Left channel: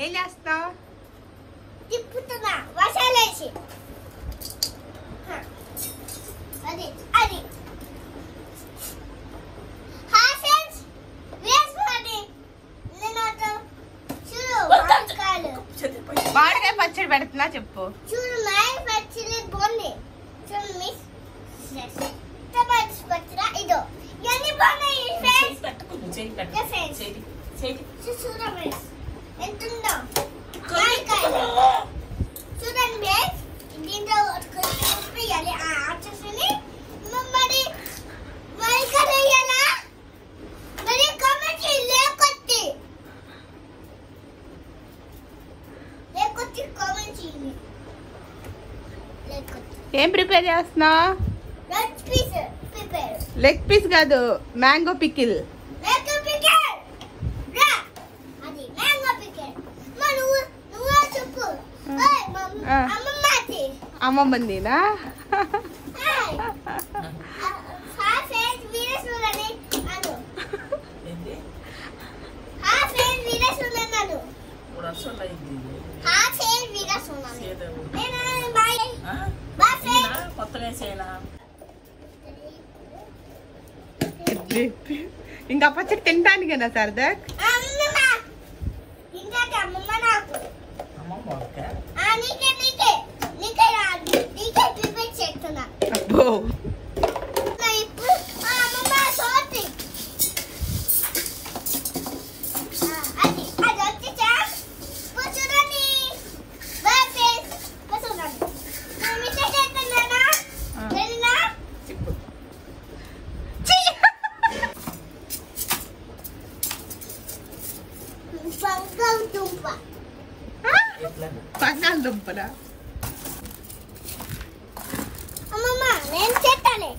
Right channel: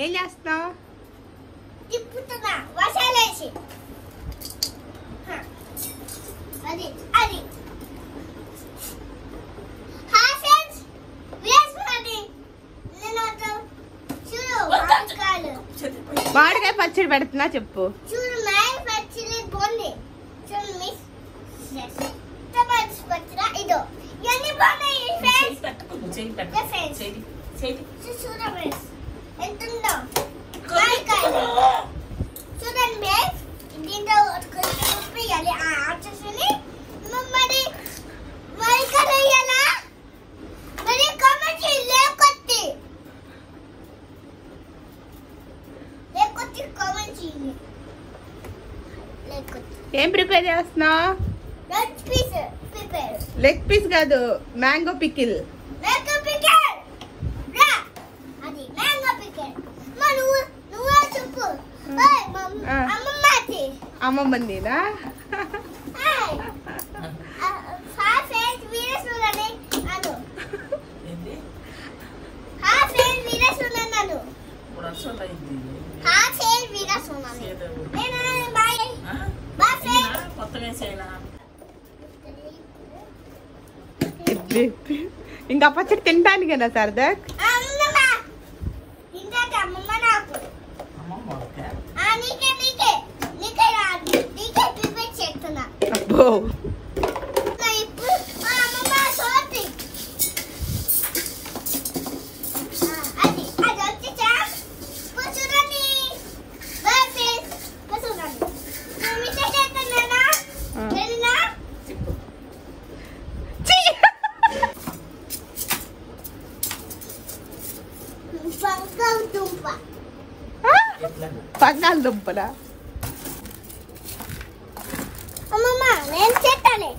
ఏం చేస్తున్నావు? తిప్పుతున్నా మసాలేసి. అది అది హాసెన్స్ వేసుకోండి. నేను చూడు మామిడికాయలు. మామిడికాయ పచ్చడి పెడుతున్నా చెప్పు. చూడు మామిడి పచ్చడి బాగుంది. చూడు మిస్ టమాటో పచ్చడి ఇదో ఇవన్నీ బాగున్నాయి ఫ్రెండ్స్. చూడు మిస్ ఎంతుందో మామిడికాయలు. చూడండి మిస్ దీంట్లో వేయాలి. వచ్చేసి మరి మామిడికాయలు వేయాలా? మరి కామెంట్ లేకొచ్చి కామెంట్ చేయండి. ఏం ప్రిపేర్ చేస్తున్నావు? లెగ్ పీస్ కాదు, మ్యాంగో పికిల్. అమ్మమ్మనినా? ఇంకా పచ్చడి తినడానికేనా సరదాక్? అబ్బో బంగాళదుంపలా? అమ్మమ్మ నేను చేస్తాను.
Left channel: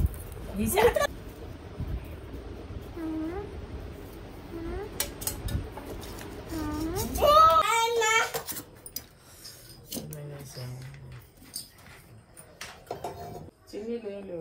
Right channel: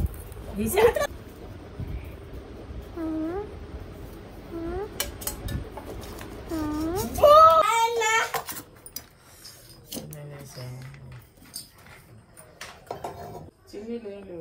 చిన్ని లేదు.